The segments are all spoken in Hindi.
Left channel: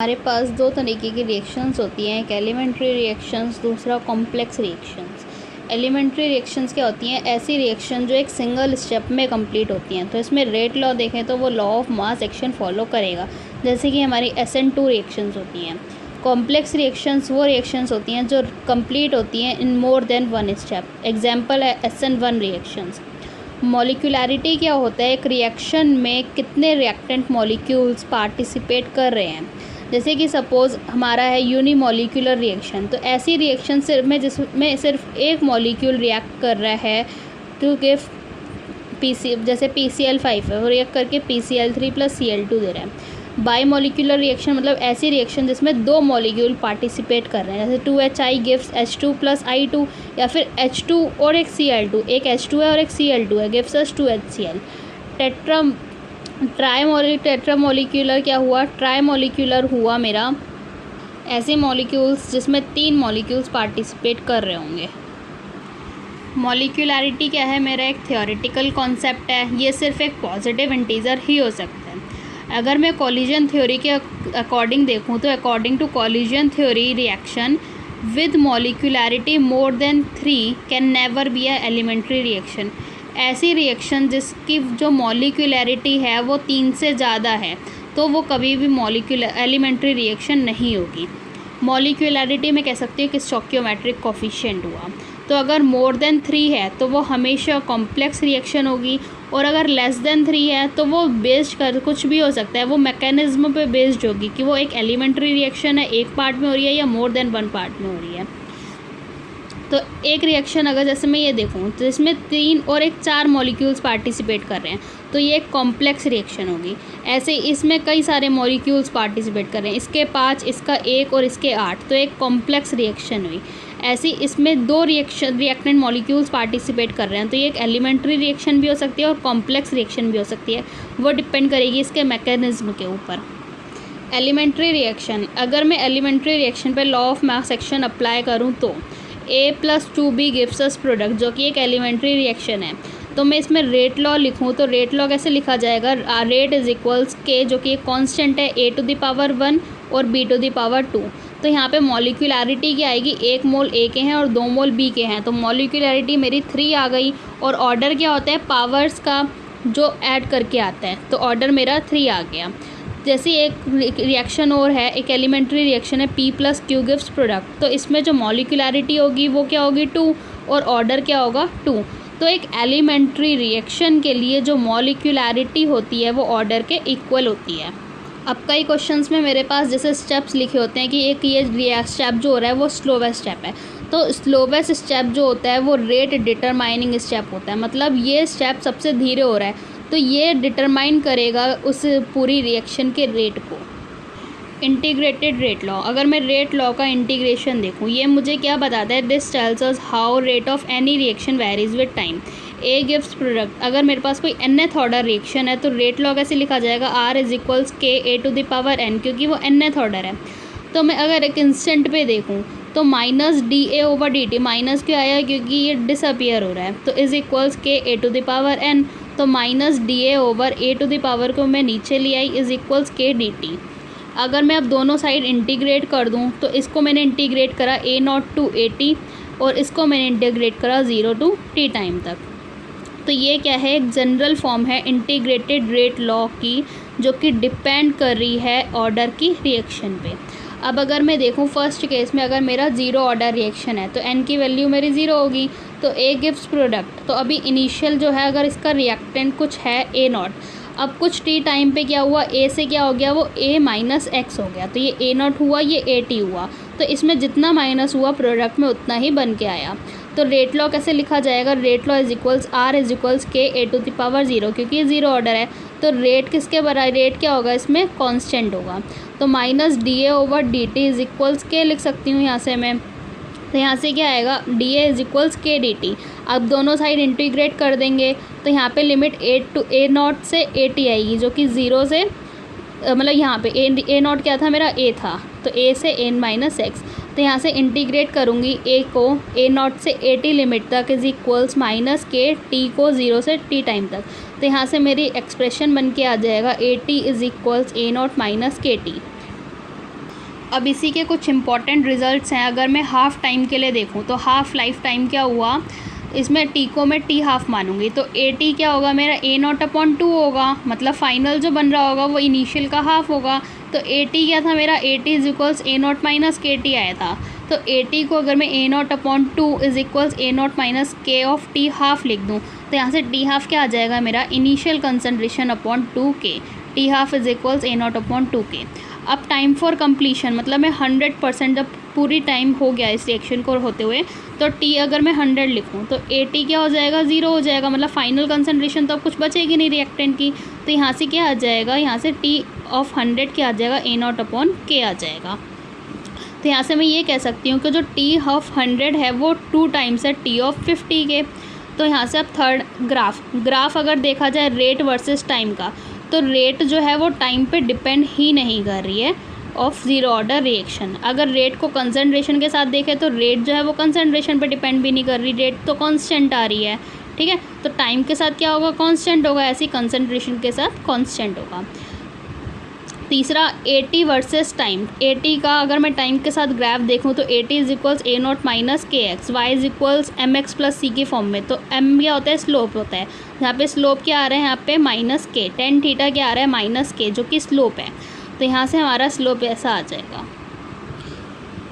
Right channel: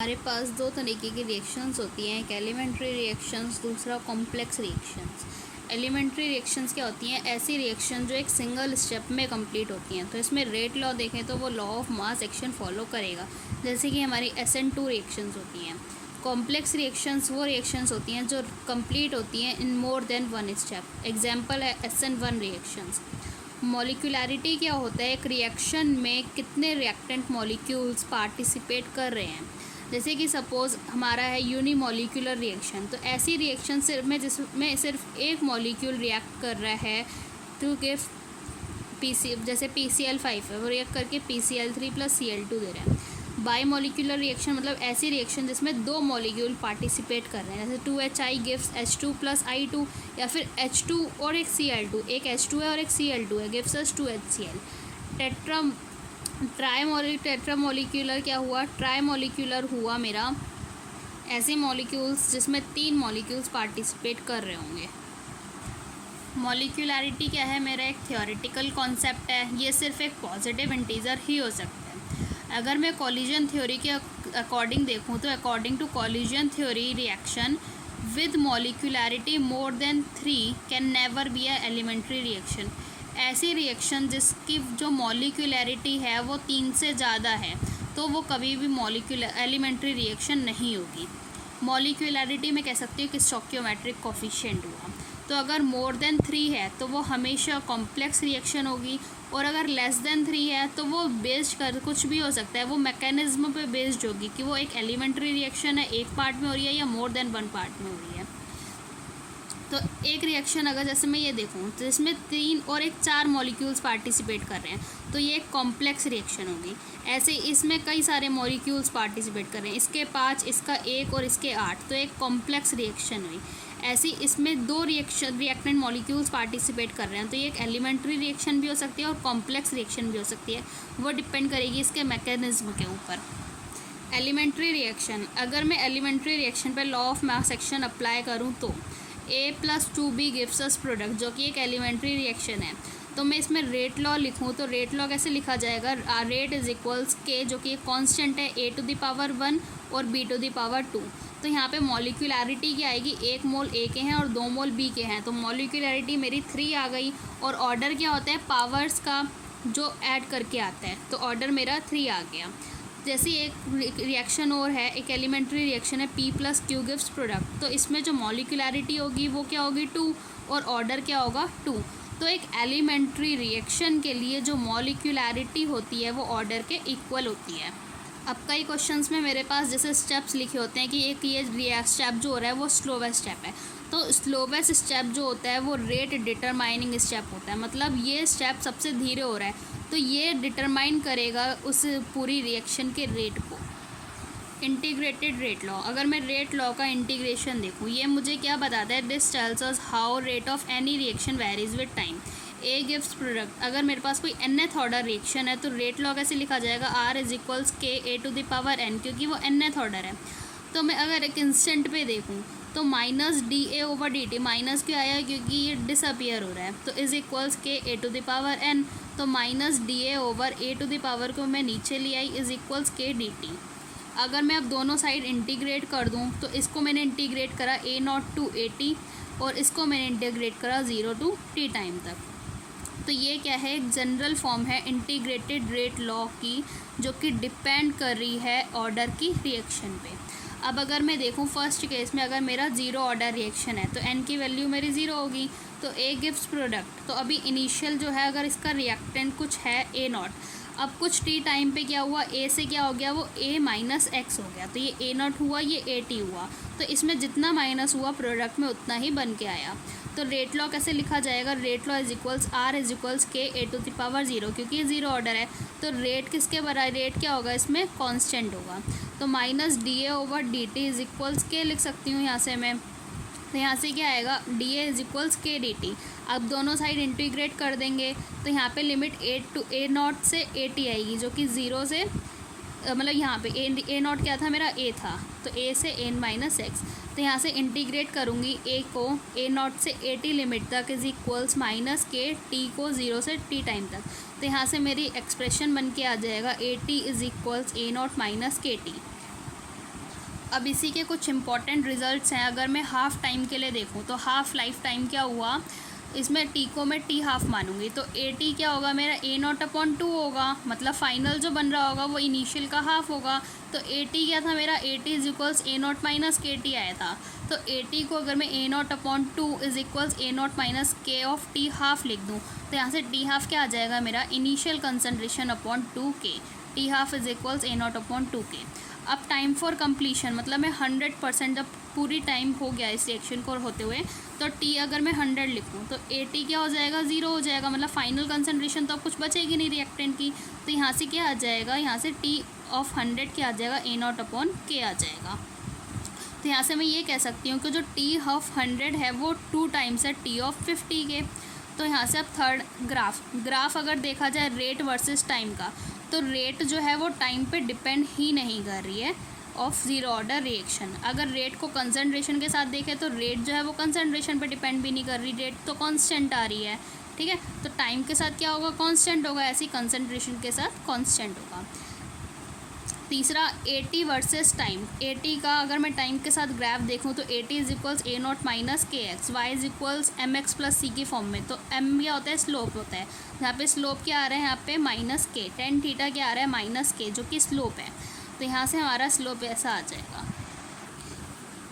हमारे पास दो तरीके की रिएक्शंस होती हैं, एक एलिमेंट्री रिएक्शंस, दूसरा कॉम्प्लेक्स रिएक्शंस। एलिमेंट्री रिएक्शंस क्या होती हैं? ऐसी रिएक्शन जो एक सिंगल स्टेप में कंप्लीट होती हैं। तो इसमें रेट लॉ देखें तो वो law of mass action follow करेगा, जैसे कि हमारी SN2 रिएक्शंस होती हैं। कॉम्प्लेक्स रिएक्शंस वो रिएक्शंस होती हैं जो कंप्लीट होती हैं in more than one step. Example है SN1 रिएक्शंस। मॉलिक्यूलैरिटी क्या होता है? एक रिएक्शन में कितने रिएक्टेंट मॉलिक्यूल्स पार्टिसिपेट कर रहे हैं। जैसे कि सपोज़ हमारा है यूनिमॉलिक्यूलर रिएक्शन, तो ऐसी रिएक्शन सिर्फ जिसमें सिर्फ एक मॉलिक्यूल रिएक्ट कर रहा है, क्योंकि जैसे PCl5 है, वो रिएक्ट करके PCl3 + Cl2 दे रहा है। बाई मॉलिक्यूलर रिएक्शन मतलब ऐसी रिएक्शन जिसमें दो मॉलिक्यूल पार्टिसिपेट कर रहे हैं, जैसे 2HI गिव्स H2 + I2, या फिर H2 और एक Cl2, एक H2 है और एक Cl2 है, गिव्स अस 2HCl। टेट्रामोलिक्यूलर क्या हुआ? ट्राईमोलिक्यूलर हुआ मेरा ऐसे मॉलिक्यूल्स जिसमें तीन मॉलिक्यूल्स पार्टिसिपेट कर रहे होंगे। मॉलिक्यूलैरिटी क्या है? मेरा एक थ्योरेटिकल कॉन्सेप्ट है, ये सिर्फ एक पॉजिटिव इंटीजर ही हो सकता है। अगर मैं कॉलिजन थ्योरी के अकॉर्डिंग देखूँ तो according to collision theory, reaction with molecularity more than 3 can never be a elementary reaction. ऐसी रिएक्शन जिसकी जो मॉलिक्यूलैरिटी है वो 3 से ज़्यादा है, तो वो कभी भी एलिमेंट्री रिएक्शन नहीं होगी। मॉलिक्यूलैरिटी में कह सकती हूँ कि स्टोइकियोमेट्रिक कोफिशिएंट हुआ। तो अगर मोर देन 3 है तो वो हमेशा कॉम्प्लेक्स रिएक्शन होगी, और अगर लेस देन 3 है तो वो बेस्ड कर कुछ भी हो सकता है, वो मैकेनिज्म पे बेस्ड होगी कि वो एक एलिमेंट्री रिएक्शन है, एक पार्ट में हो रही है या मोर देन वन पार्ट में हो रही है। तो एक रिएक्शन अगर जैसे मैं ये देखूँ तो इसमें 3 और एक 4 मॉलिक्यूल्स पार्टिसिपेट कर रहे हैं, तो ये एक कॉम्प्लेक्स रिएक्शन होगी। ऐसे इसमें कई सारे मॉलिक्यूल्स पार्टिसिपेट कर रहे हैं, इसके 5, इसका 1 और इसके 8, तो एक कॉम्प्लेक्स रिएक्शन हुई। ऐसी इसमें 2 रिएक्टेंट मॉलिक्यूल्स पार्टिसिपेट कर रहे हैं, तो ये एक एलिमेंट्री रिएक्शन भी हो सकती है और कॉम्प्लेक्स रिएक्शन भी हो सकती है, वो डिपेंड करेगी इसके मैकेनिज्म के ऊपर। एलिमेंट्री रिएक्शन, अगर मैं एलिमेंट्री रिएक्शन पर law of mass action apply करूँ तो A + 2B gives us product, जो कि एक एलिमेंट्री रिएक्शन है। तो मैं इसमें रेट लॉ लिखूँ तो रेट लॉ कैसे लिखा जाएगा? रेट = K, जो कि एक कांस्टेंट है, A⁴ और B⁴ तो यहाँ पे मॉलिक्यूलैरिटी क्या आएगी? 1 मोल A के हैं और 2 मोल B के हैं, तो मॉलिक्यूलैरिटी मेरी 3 आ गई। और ऑर्डर क्या होता है? पावर्स का जो ऐड करके आता है, तो ऑर्डर मेरा 3 आ गया। जैसे एक रिएक्शन और है, एक एलिमेंट्री रिएक्शन है, P + Q गिव्स प्रोडक्ट, तो इसमें जो मॉलिक्यूलैरिटी होगी वो क्या होगी? 2, और ऑर्डर क्या होगा? 2। तो एक एलिमेंट्री रिएक्शन के लिए जो मॉलिक्यूलैरिटी होती है वो ऑर्डर के इक्वल होती है। अब कई क्वेश्चंस में मेरे पास जैसे स्टेप्स लिखे होते हैं कि एक ये स्टेप जो हो रहा है वो स्लोवेस्ट स्टेप है, तो स्लोवेस्ट स्टेप जो होता है वो रेट डिटरमाइनिंग स्टेप होता है, मतलब ये स्टेप सबसे धीरे हो रहा है, तो ये डिटरमाइन करेगा उस पूरी रिएक्शन के रेट को। इंटीग्रेटेड रेट लॉ, अगर मैं रेट लॉ का इंटीग्रेशन देखूँ, ये मुझे क्या बताता है? This tells us how rate of any reaction varies with time. A gives product, अगर मेरे पास कोई nth ऑर्डर रिएक्शन है तो रेट लॉ कैसे लिखा जाएगा? R = K⁴n, क्योंकि वो nth ऑर्डर है। तो मैं अगर एक इंस्टेंट पे देखूँ तो -dA/dt, माइनस क्यों आया? क्योंकि ये डिसअपियर हो रहा है, तो = K⁴n, तो -dA/A⁴ को मैं नीचे ले आई, = K/dt। अगर मैं अब दोनों साइड इंटीग्रेट कर दूं तो इसको मैंने इंटीग्रेट करा A0 to AT, और इसको मैंने इंटीग्रेट करा 0 to T टाइम तक। तो ये क्या है? एक जनरल फॉर्म है इंटीग्रेटेड रेट लॉ की, जो कि डिपेंड कर रही है ऑर्डर की रिएक्शन पे। अब अगर मैं देखूं फर्स्ट केस में, अगर मेरा 0 ऑर्डर रिएक्शन है तो n की वैल्यू मेरी 0 होगी, तो A गिव्स प्रोडक्ट, तो अभी इनिशियल जो है अगर इसका रिएक्टेंट कुछ है A0, अब कुछ T टाइम पे क्या हुआ? A से क्या हो गया? वो A - X हो गया, तो ये A0 हुआ, ये AT हुआ, तो इसमें जितना माइनस हुआ प्रोडक्ट में उतना ही बन के आया। तो रेट लॉ कैसे लिखा जाएगा? रेट लॉ = R = K⁴0, क्योंकि ये 0 ऑर्डर है, तो रेट किसके बराबर? रेट क्या होगा इसमें? कांस्टेंट होगा, तो -dA/dt = K लिख सकती हूँ यहाँ से मैं। तो यहाँ से क्या आएगा? dA = K/dt। अब दोनों साइड इंटीग्रेट कर देंगे तो यहाँ पे लिमिट A0 से AT आएगी, जो कि 0 से मतलब यहाँ पे A0 क्या था? मेरा A था, तो A से n - X, तो यहाँ से इंटीग्रेट करूँगी A को A0 से AT लिमिट तक = -KT को 0 से T टाइम तक, तो यहाँ से मेरी एक्सप्रेशन बन के आ जाएगा AT = A0 - KT। अब इसी के कुछ इंपॉर्टेंट रिजल्ट्स हैं। अगर मैं हाफ़ टाइम के लिए देखूँ तो हाफ़ लाइफ टाइम क्या हुआ, इसमें टी को मैं टी हाफ मानूंगी तो ए टी क्या होगा मेरा A0/2 होगा, मतलब फाइनल जो बन रहा होगा वो इनिशियल का हाफ होगा। तो ए टी क्या था मेरा, A T is equals A0 minus के टी आया था। तो ए टी को अगर मैं A0/2 is equals A0 minus के ऑफ टी हाफ लिख दूँ तो यहाँ से टी हाफ क्या आ जाएगा मेरा, initial concentration upon 2K, T half is equals A0/2K। अब टाइम फॉर कंप्लीशन, मतलब मैं 100% जब पूरी टाइम हो गया इस रिएक्शन को होते हुए तो टी अगर मैं 100 लिखूँ तो ए टी क्या हो जाएगा, 0 हो जाएगा, मतलब फाइनल कंसनट्रेशन तो अब कुछ बचेगी नहीं रिएक्टेंट की। तो यहाँ से क्या आ जाएगा, यहाँ से टी ऑफ 100 क्या आ जाएगा, A0/K आ जाएगा। तो यहाँ से मैं ये कह सकती हूँ कि जो टी ऑफ 100 है वो 2 टाइम्स है टी ऑफ 50 के। तो यहाँ से अब थर्ड ग्राफ अगर देखा जाए रेट वर्सेस टाइम का, तो रेट जो है वो टाइम पे डिपेंड ही नहीं कर रही है ऑफ ज़ीरो ऑर्डर रिएक्शन। अगर रेट को कंसंट्रेशन के साथ देखें तो रेट जो है वो कंसंट्रेशन पे डिपेंड भी नहीं कर रही, रेट तो कांस्टेंट आ रही है, ठीक है। तो टाइम के साथ क्या होगा, कांस्टेंट होगा, ऐसी कंसंट्रेशन के साथ कांस्टेंट होगा। तीसरा A T versus time, A T का अगर मैं टाइम के साथ ग्राफ देखूँ तो A T is equals A0 minus K X, Y is equals M X plus C की फॉर्म में। तो एम क्या होता है, स्लोप होता है, यहाँ पे स्लोप क्या आ रहा है, यहाँ पे माइनस के, टेन थीटा क्या आ रहा है, माइनस के, जो कि स्लोप है। तो यहाँ से हमारा स्लोप ऐसा आ जाएगा।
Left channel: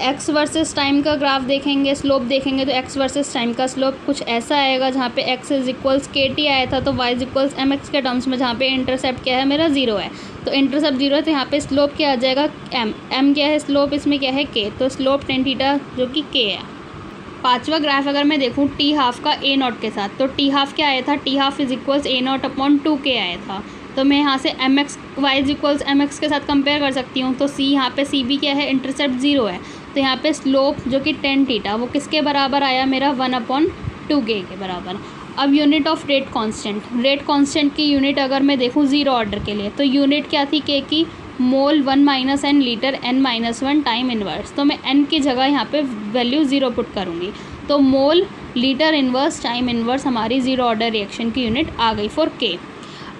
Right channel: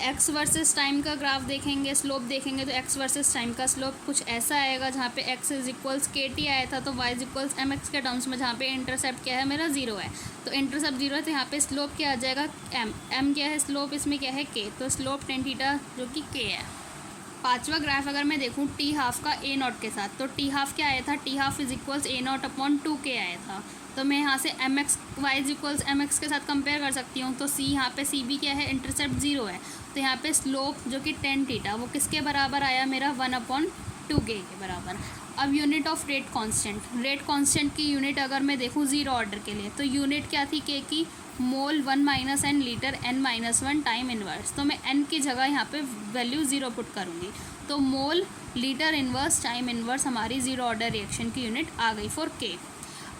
एक्स वर्सेस टाइम का ग्राफ देखेंगे, स्लोप देखेंगे तो एक्स वर्सेस टाइम का स्लोप कुछ ऐसा आएगा जहाँ पे x is equals k t आया था, तो y is equals M x के टर्म्स में, जहाँ पे इंटरसेप्ट क्या है मेरा 0 है। तो इंटरसेप्ट 0 है तो यहाँ पे स्लोप क्या आ जाएगा, एम क्या है स्लोप, इसमें क्या है के, तो स्लोप टेन थीटा जो कि के है। पांचवा ग्राफ अगर मैं देखूँ टी हाफ का A0 के साथ, तो टी हाफ क्या आया था, T half is equals A0/2K आया था। तो मैं यहाँ से m x Y is equals M x के साथ कंपेयर कर सकती हूँ। तो सी यहाँ पे सी बी क्या है, इंटरसेप्ट 0 है, तो यहाँ पे स्लोप जो कि टेन थीटा वो किसके बराबर आया मेरा, 1/2K के बराबर। अब unit of rate constant, rate constant की यूनिट अगर मैं देखूँ ज़ीरो ऑर्डर के लिए तो यूनिट क्या थी के की, mole 1 minus n litre n minus 1 time inverse. तो मैं n की जगह यहाँ पे वैल्यू 0 पुट करूँगी, तो mole litre inverse time inverse हमारी ज़ीरो ऑर्डर रिएक्शन की यूनिट आ गई फॉर के।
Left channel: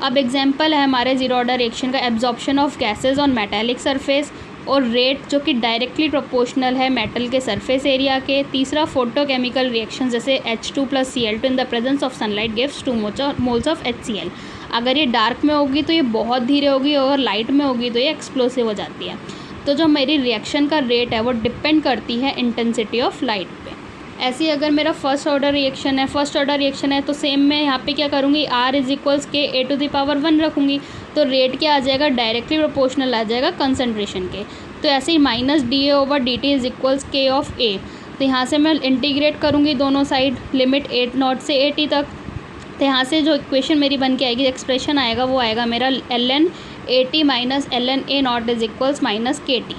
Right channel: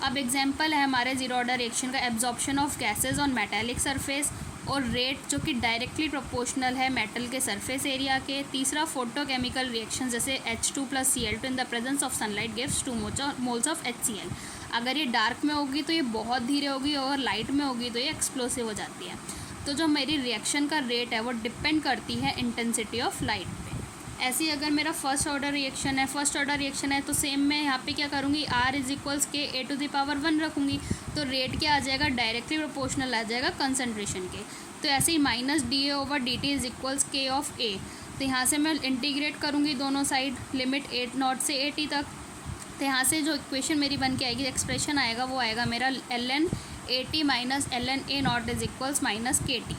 अब एग्जांपल है हमारे ज़ीरो ऑर्डर रिएक्शन का, absorption of gases on metallic surface, और रेट जो कि डायरेक्टली प्रोपोर्शनल है मेटल के सरफेस एरिया के। तीसरा फोटोकेमिकल रिएक्शन जैसे H2 + Cl2 in the presence of sunlight gives 2 moles of HCl। अगर ये डार्क में होगी तो ये बहुत धीरे होगी, और लाइट में होगी तो ये एक्सप्लोसिव हो जाती है। तो जो मेरी रिएक्शन का रेट है वो डिपेंड करती है इंटेंसिटी ऑफ लाइट पे। ऐसे ही अगर मेरा फर्स्ट ऑर्डर रिएक्शन है तो सेम मैं यहाँ पे क्या करूँगी, R इज इक्वल्स के A⁻1 रखूँगी, तो रेट क्या आ जाएगा, डायरेक्टली प्रोपोर्शनल आ जाएगा कंसनट्रेशन के। तो ऐसे ही -dA/dt is equals K of A। तो यहाँ से मैं इंटीग्रेट करूँगी दोनों साइड, लिमिट A0 से AT तक। तो यहाँ से जो इक्वेशन मेरी बन के आएगी, एक्सप्रेशन आएगा वो आएगा मेरा ln AT minus ln A0 is equals minus KT।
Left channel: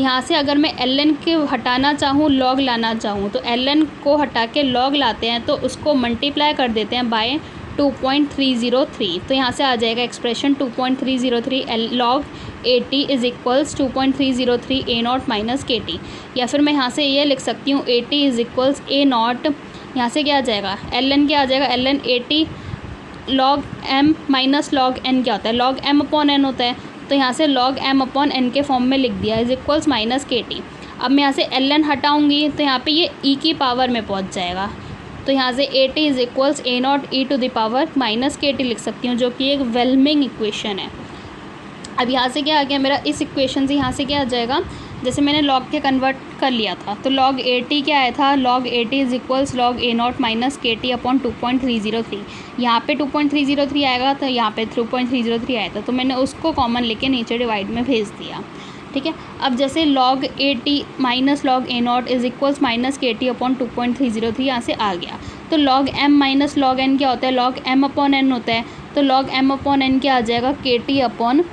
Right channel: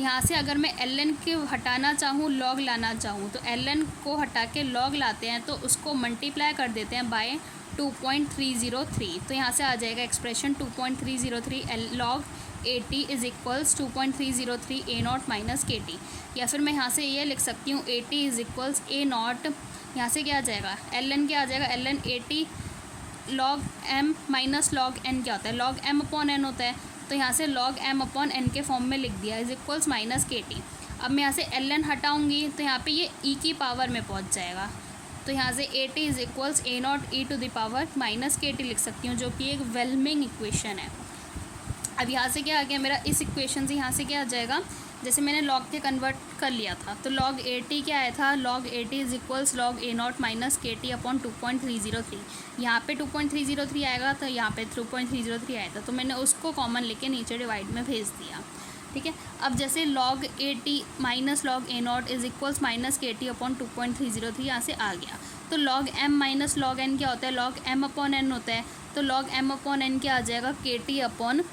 यहाँ से अगर मैं ln के हटाना चाहूँ, लॉग लाना चाहूँ, तो ln को हटा के लॉग लाते हैं तो उसको मल्टीप्लाई कर देते हैं बाय 2.303। तो यहाँ से आ जाएगा expression 2.303 log AT is equals 2.303 A0 minus KT। या फिर मैं यहाँ से ये लिख सकती हूँ AT इज इक्वल्स A0, यहाँ से क्या आ जाएगा, ln क्या आ जाएगा, ln AT log m minus log n क्या होता है, लॉग m/n होता है। तो यहाँ से log m/n के फॉर्म में लिख दिया इज इक्वल्स माइनस KT। अब मैं यहाँ से ln हटाऊँगी तो यहाँ पे ये e की पावर में पहुँच जाएगा। तो यहाँ से AT is equals A0 e⁻ minus KT लिख सकती हूँ, जो कि एक वेलमिंग इक्वेशन है। अब यहाँ से क्या आ गया मेरा, इस इक्वेशन से यहाँ से क्या आ जाएगा, जैसे मैंने लॉग के कन्वर्ट कर लिया था तो log AT क्या आया था, log AT is equals log A0 minus KT upon 2.303। यहाँ पे 2.303 आएगा तो यहाँ पे 2.303 आया था, तो मैंने उसको कॉमन लेके नीचे डिवाइड में भेज दिया, ठीक है। अब जैसे log AT minus log A0 is equals minus KT upon 2.303 यहाँ से आ गया। तो log m minus log n क्या होता है, log m/n होता है। तो log m/n क्या आ जाएगा, KT upon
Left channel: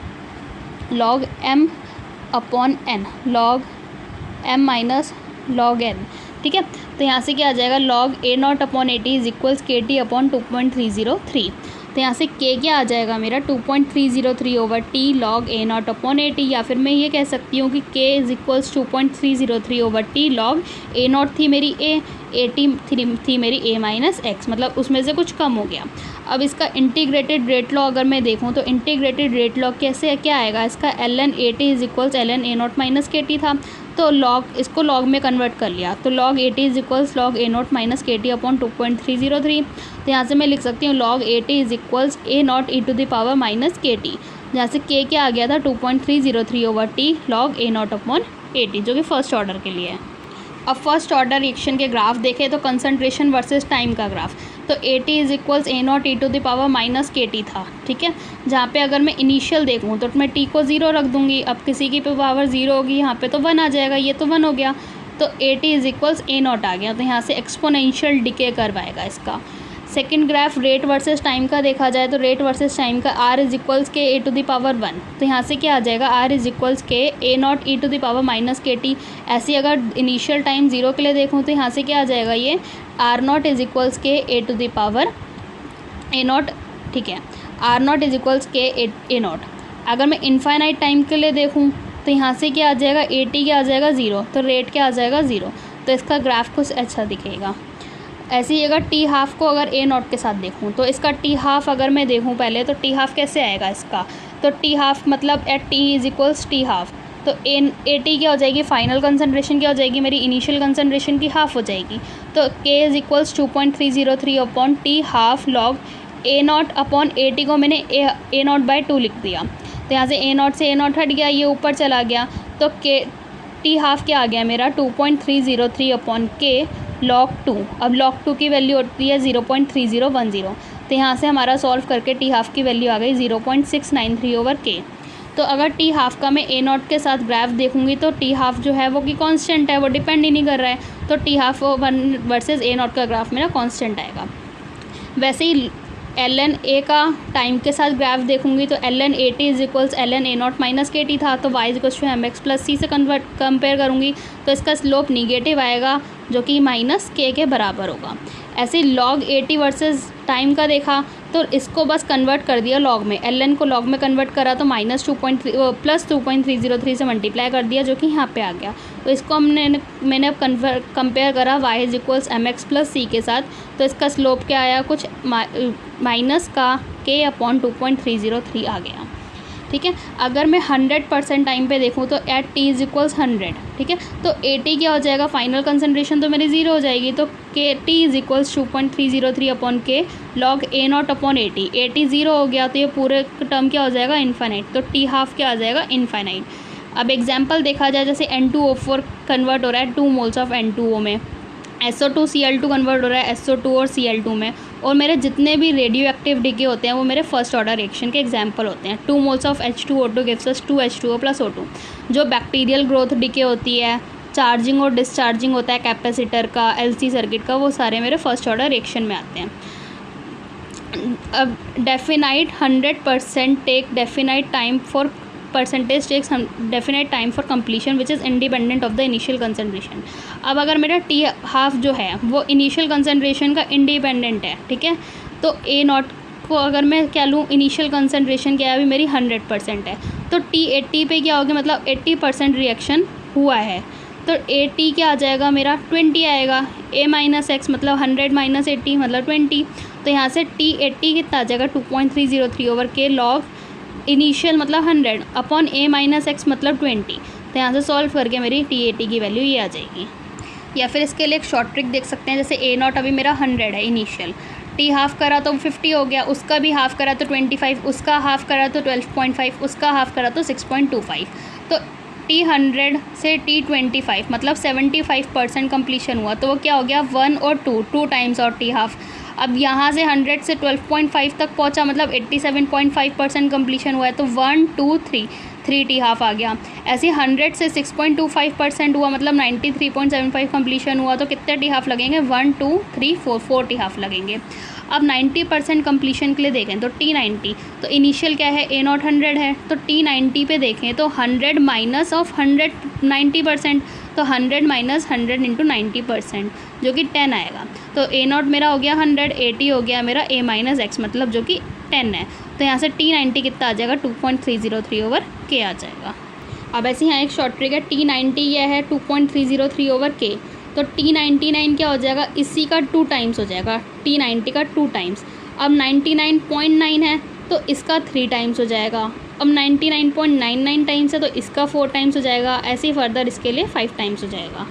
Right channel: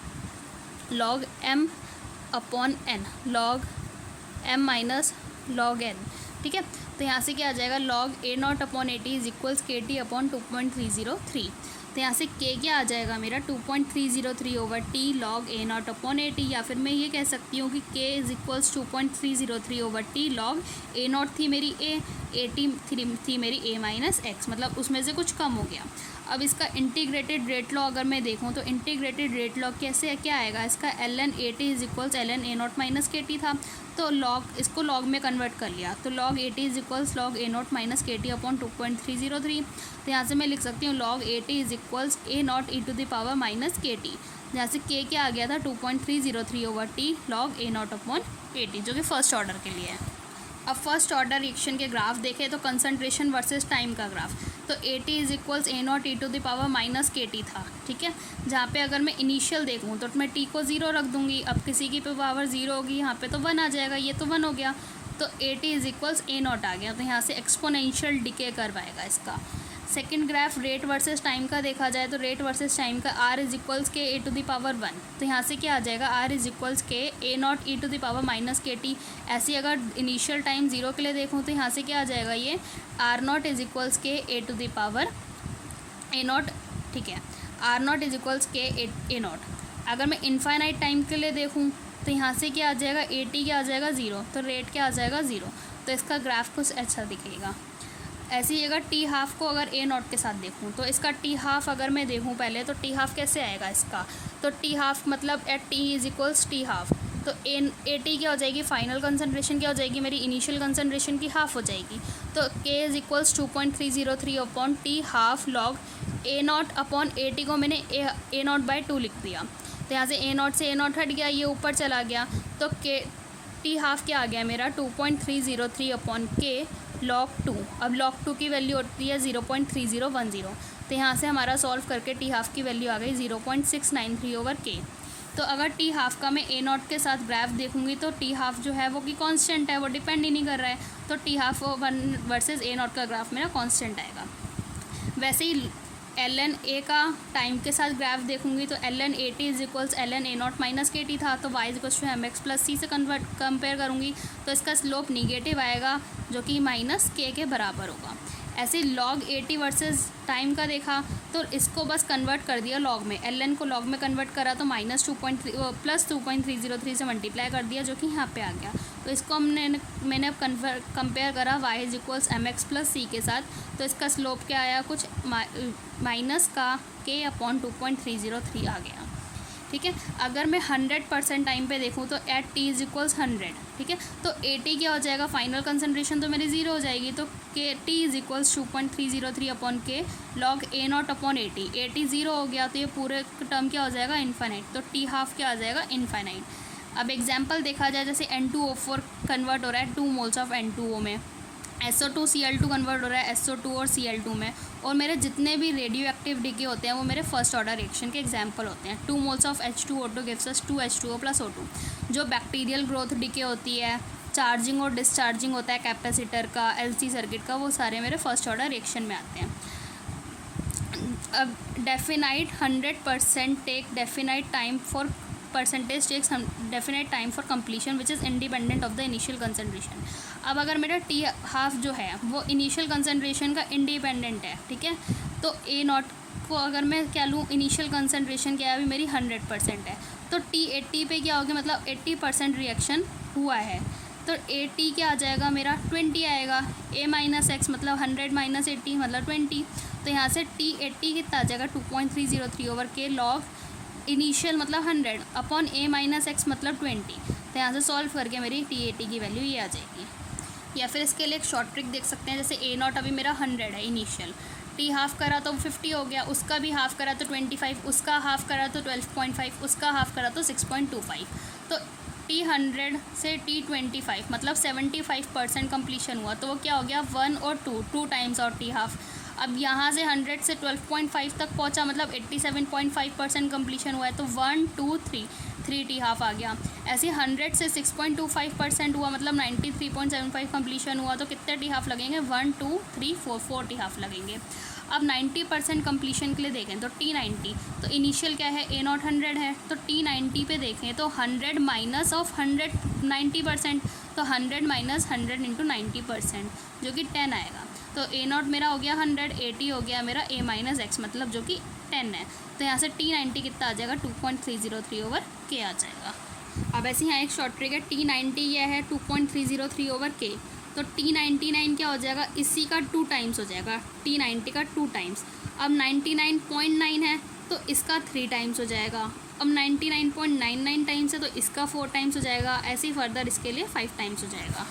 log m/n, log m minus log n, ठीक है। तो यहाँ से क्या आ जाएगा, log A0/AT is equals KT upon 2.303। तो यहाँ से k क्या आ जाएगा मेरा, 2.303/T log A0/AT। या फिर मैं ये कह सकती हूँ कि k is equals 2.303/T log A0 थी मेरी A, 80 थी मेरी a माइनस एक्स, मतलब उसमें से कुछ कम हो गया। अब इसका इंटीग्रेटेड रेट लॉ अगर मैं देखूँ तो इंटीग्रेटेड रेट लॉ कैसे क्या आएगा इसका, ln at is equals ln a naught minus के टी था, तो लॉग इसको लॉग में कन्वर्ट कर लिया, तो log at is equals log a naught minus के टी अपॉन 2.303। तो यहाँ से मैं लिख सकती हूँ log at is equals a naught E to the power minus के टी, जहाँ से k क्या आ गया था 2.303 over t log a naught upon a t, जो कि फर्स्ट ऑर्डर के लिए है। अब फर्स्ट ऑर्डर रिएक्शन के ग्राफ देखें तो कंसंट्रेशन वर्सेस टाइम का ग्राफ, तो A T is equals A naught E to the power minus के टी था, ठीक है। जहाँ पे अगर मैं इनिशियल देखूँ तो मैं टी को 0 रख दूँगी, अब किसी की पावर 0 होगी, यहाँ पे तो 1 आ जाएगा, ये तो 1 हो गया, तो A T is equals A naught आ गया, तो यहाँ से एक्सपोनेंशियल डिके कर्व आएगा इसका। Second graph rate versus time का देखा जाए तो रेट वर्सेस टाइम का R is equals K A to the power 1, तो यहाँ से क्या आ जाएगा are is equals K A naught E to the power minus के टी। ऐसे अगर इनिशियल टाइम 0 के लिए देखूँ तो यहाँ से क्या आ जाएगा ये are not is equals K A to the power A naught, ठीक है, are not is equals K A not. अगर मैं इनफाइनाइट टाइम के लिए देखूँ तो यहाँ से क्या आ जाएगा ए टी क्या आ जाएगा 0, तो रेट क्या आ जाएगा 0, तो इसका ग्राफ कुछ अच्छा दिखेगा। ऐसे ही अगर टी हाफ को अगर ए नॉट के साथ देखूँ तो इसका टी हाफ अगर मैं देखूँ पहले तो टी हाफ कैसे आएगा इसका, तो टी हाफ मतलब at T is equals T half, तो ए टी क्या हो जाएगी फाइनल कंसंट्रेशन क्या हो जाएगी मेरी इनिशियल कंसंट्रेशन की हाफ हो जाएगी, तो के is equals 2.303 upon T half log A not upon a T को मैंने ए नॉट बाई 2 लिख दिया, तो यहाँ से ए नॉट से ए नॉट हट गया, ये ऊपर चला गया, तो के टी हाफ क्या आ गया मेरा 2.303 अपॉन के log 2। अब log 2 की वैल्यू होती है 0.3010, तो यहाँ से हमारा सॉल्व करके टी हाफ की वैल्यू आ गई 0.693 ओवर के। तो अगर टी हाफ का मैं ए नॉट के साथ ग्राफ देखूँगी तो टी हाफ जो है वो कि कांस्टेंट है, वो डिपेंड ही नहीं कर रहा है, तो T half versus A naught का ग्राफ मेरा कांस्टेंट आएगा। वैसे ही ln a का टाइम के साथ ग्राफ देखूंगी तो ln a t is equals ln a naught minus के टी था, तो y is equals to M X plus C से कंपेयर करूँगी तो इसका स्लोप निगेटिव आएगा जो कि माइनस के बराबर होगा। ऐसे log a t versus time का देखा तो इसको बस कन्वर्ट कर दिया लॉग में, ln को लॉग में कन्वर्ट करा तो प्लस 2.303 से मल्टीप्लाई कर दिया जो कि यहाँ पे आ गया, तो इसको मैंने अब कंपेयर करा y is equals M X plus C के साथ, तो इसका स्लोप क्या आया कुछ माइनस का k अपॉन 2.303 आ गया, ठीक है। अगर मैं 100% टाइम पे देखूँ तो एट t इज इक्वल्स 100, ठीक है, तो ए टी क्या हो जाएगा फाइनल कंसंट्रेशन तो मेरी 0 हो जाएगी, तो के टी इज इक्वल्स 2.303 अपॉन के log A not upon a T 0 हो गया, तो ये पूरे टर्म क्या हो जाएगा इनफाइनाइट, तो टी हाफ क्या आ जाएगा इनफाइनाइट। अब एग्जाम्पल देखा जाए जैसे N2O4 कन्वर्ट हो रहा है 2 मोल्स ऑफ N2O में, SO2 Cl2 कन्वर्ट हो रहा है SO2 और Cl2 में, और मेरे जितने भी रेडियो एक्टिव डिके होते हैं वो मेरे फर्स्ट ऑर्डर रिएक्शन के एग्जांपल होते हैं। 2 moles of H2O2 gives us 2H2O plus O2। जो बैक्टीरियल ग्रोथ डिके होती है, चार्जिंग और डिस्चार्जिंग होता है कैपेसिटर का, LC सर्किट का, वो सारे मेरे फर्स्ट ऑर्डर रिएक्शन में आते हैं। अब definite 100% take definite time for percentage takes definite time for completion which is independent of the initial concentration. अब अगर मेरा टी हाफ जो है वो इनिशियल कंसंट्रेशन का इंडिपेंडेंट है, ठीक है, तो ए नॉट को अगर मैं क्या लूँ इनिशियल कंसंट्रेशन क्या है अभी मेरी 100% है, तो टी 80 पे क्या होगी मतलब 80% रिएक्शन हुआ है, तो ए टी क्या आ जाएगा मेरा 20 आएगा, ए माइनस एक्स मतलब 100 माइनस 80 मतलब 20, तो यहाँ से टी 80 कितना आ जाएगा 2.303 ओवर के लॉग इनिशियल मतलब 100 अपॉन ए माइनस एक्स मतलब 20, तो यहाँ से सॉल्व करके मेरी टी ए टी की वैल्यू ये आ जाएगी। या फिर इसके लिए एक शॉर्ट ट्रिक देख सकते हैं, जैसे ए नॉट अभी मेरा 100 है इनिशियल, टी हाफ करा तो 50 हो गया, उसका भी हाफ करा तो 25, उसका हाफ करा तो 12.5, उसका हाफ करा तो 6.25, तो टी 100 से टी 25 मतलब 75% कम्प्लीशन हुआ, तो वो क्या हो गया 1 और 2 टाइम्स और टी हाफ। अब यहाँ से 100 से 12.5 तक पहुँचा मतलब 87.5% कम्प्लीशन हुआ है, तो 1 2 3 टी हाफ आ गया। ऐसे 100 से 6.25% हुआ मतलब 93.75 कम्प्लीशन हुआ, तो कितने टी हाफ लगेंगे 1 2 3 4 टी हाफ लगेंगे। अब 90% कम्प्लीशन के लिए देखें तो टी 90, तो इनिशियल क्या है ए नॉट 100 है, तो टी 90 पे देखें तो 100 माइनस ऑफ 100 90%, तो 100 माइनस 100 इंटू 90% जो कि 10 आएगा, तो ए नॉट मेरा हो गया 100, ए टी हो गया मेरा ए माइनस एक्स मतलब जो कि 10 है, तो यहाँ से टी 90 कितना आ जाएगा 2.303 ओवर के आ जाएगा। अब ऐसे यहाँ एक शॉर्ट ट्रिक है, टी 90 यह है 2.303 ओवर के, तो T99 क्या हो जाएगा, इसी का 2 टाइम्स हो जाएगा, T90 का 2 टाइम्स। अब 99.9 है तो इसका 3 टाइम्स हो जाएगा। अब 99.99 टाइम्स है तो इसका 4 टाइम्स हो जाएगा। ऐसे ही फर्दर इसके लिए 5 टाइम्स हो जाएगा।